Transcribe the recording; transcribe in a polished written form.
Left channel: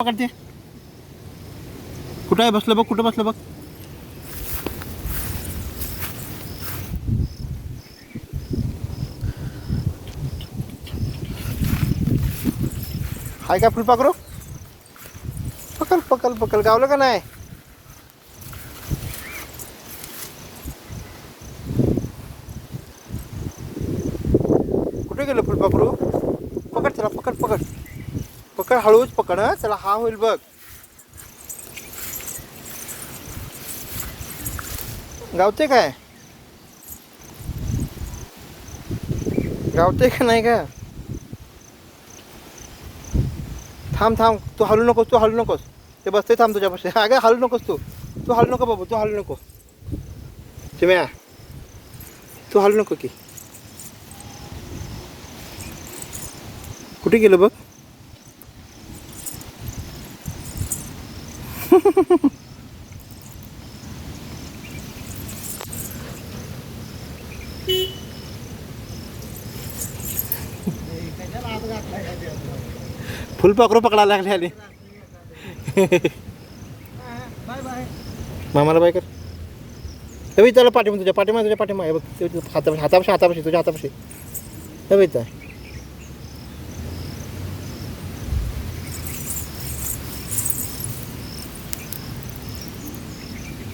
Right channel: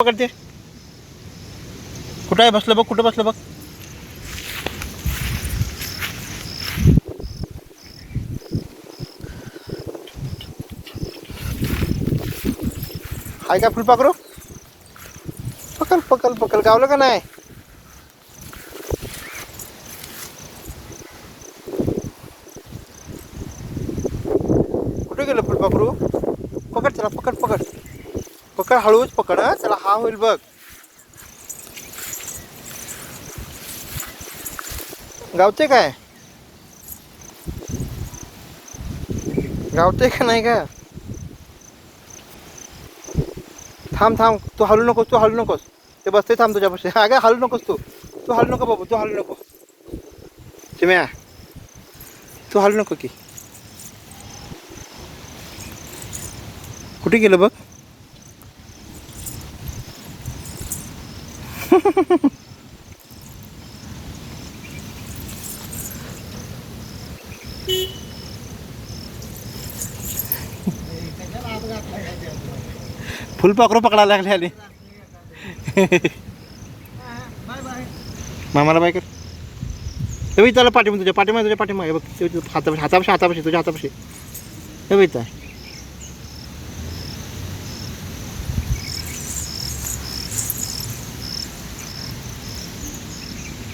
पकडते. कुठं आहे? बसलं बघ. कुठं बसलं बघ. हाय का फुलपाखरू? पकड पकड पकड. गावलं का नाही? कुठे गेलं फुलपाखरू? पकड चला. पकड पकड पकड. हळूच पकड. चला हा होईल बघ. गावते काय? गावते का नाही का? थांब थांब. तू हलू नकोस. तू हलू नकोस. ते बसते. थांब तुझ्यापाशी. अगं हलू नकोस तू. तू हलू नको बाबू. तू हलू नको. चिम्या तू हलू नको की. कुठे गेलं बघ. फुलपाखरू पकडायला लागले आले. मामाला बाय कर. हे त्याला पाठीमा. तुझ्या पाठीमा. तुझ्या पाठीमा. हे बघ हातापाशी हातापाशी हातापाशी तुझ्या हातापाशी. हे बघ